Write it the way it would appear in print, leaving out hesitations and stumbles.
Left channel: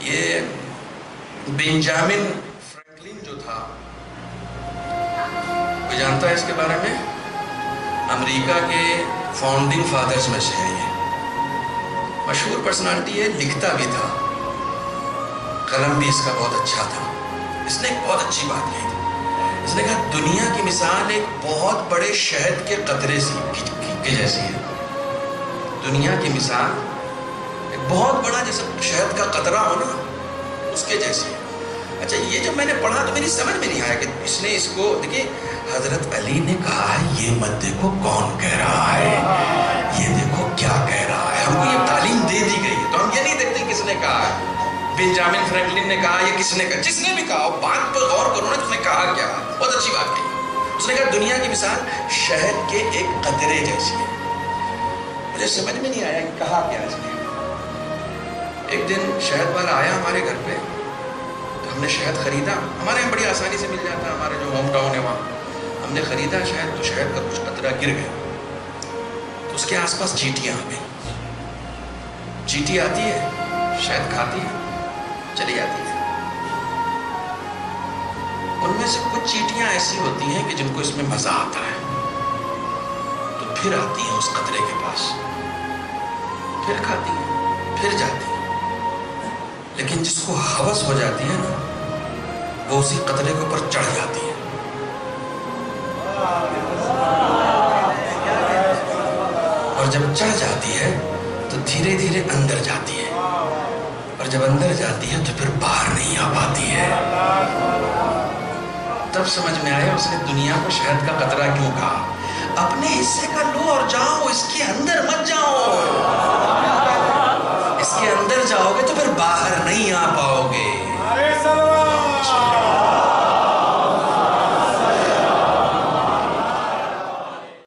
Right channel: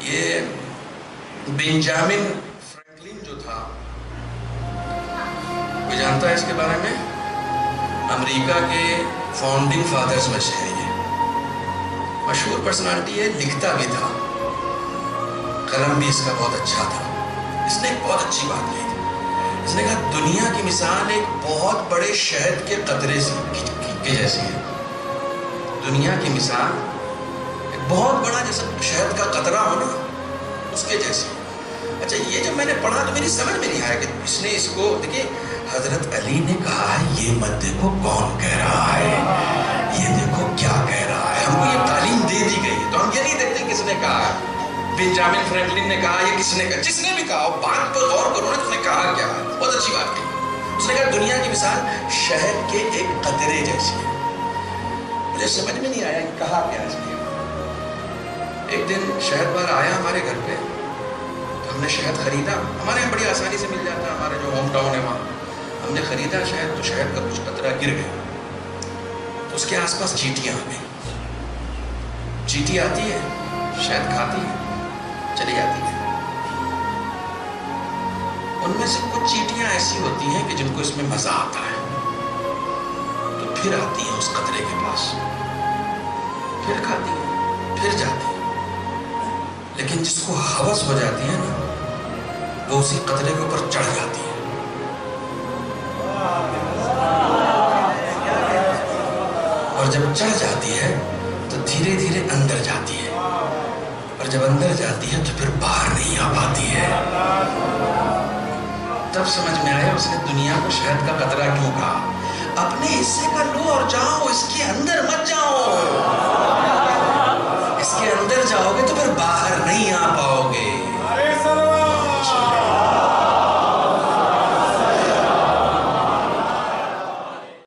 یہ Benjamin Franklin جو تھا، کوئی جانتا ہے اس کے بارے میں؟ امریکہ کے فاؤنڈنگ فادرز میں سے ہے یہ، مشہور پرسنالٹی ہے، لکھتا بھی تھا، قلم بھی اس کا بہت اچھا تھا۔ اس نے ایک بہت اچھی بات کہی تھی، اس نے کہا دنیا کی مثال ایک بہت بڑے شہد کے قطرے کے جیسی ہے۔ دنیا کی مثال ایک بہت بڑا جیسا شہد کا قطرہ ہو نا، اس کے جیسے۔ اچھا، یہ جب میں نے پڑھا تو میری سمجھ میں نہیں آیا کہ اس نے اس کو، دیکھیے حضرت علی نے کہا ہے یہ مت دیکھو کون کہہ رہا ہے، یہ دیکھو کیا کہہ رہا ہے۔ ہم کو یہ تعلیم دے دی گئی ہے تو ہم یہ نہیں دیکھتے کس نے کہا ہے۔ بنجامن فرینکلن نے کہا، یہ کس نے کہا، جس نے بھی کہا، بات پر غور کرو نا، اس نے کہا کیا ہے، بہت اچھی بات کہی۔ اس نے کہا دنیا کی مثال شہد کے ایک قطرے جیسی ہے۔ مجھے سمجھ میں نہیں آیا کہ کہا کیا اس نے۔ ایک دن شہد والا آیا ہمارے گھر پہ، تو ہم نے شہد خریدا، ہمارے یہاں بڑی آسانی سے مل جاتا ہے، ہمارے جو ہوم ٹاؤن ہے وہاں ہم نے خریدا شہد، تو شہد کا کچھ قطرہ گر گیا، تو اس کے آس پاس چیٹیاں آ گئی۔ چیٹی آتی ہے، شہد کھاتی ہے، چلی جاتی ہے۔ ان میں سے کچھ چیٹیاں ایسی ہوتی ہیں کہ جن کو اس میں مزہ آتا ہے، تو پھر آتی ہیں اس قطرے کے پاس، پھر کھاتی ہیں، پھر جاتی ہیں۔ لیکن جس کو ہوس ہو جاتی ہے نا، وہ اسی قطرے کے اوپر چڑھ جاتی ہے۔ اور جب چڑھ جاتی ہے تو دھیرے دھیرے اندر جاتی ہے، اور جب اندر جاتی ہے تو پھر باہر نہیں آ پاتی ہے۔ تب سمجھ میں آیا اس نے دنیا کو شہد کا قطرہ کیوں کہا۔ اپنے حصے کا لو اور جاؤ، اس کے اندر مت جاؤ۔ اس کے اندر جاؤ گے تو پھر باہر نہیں آ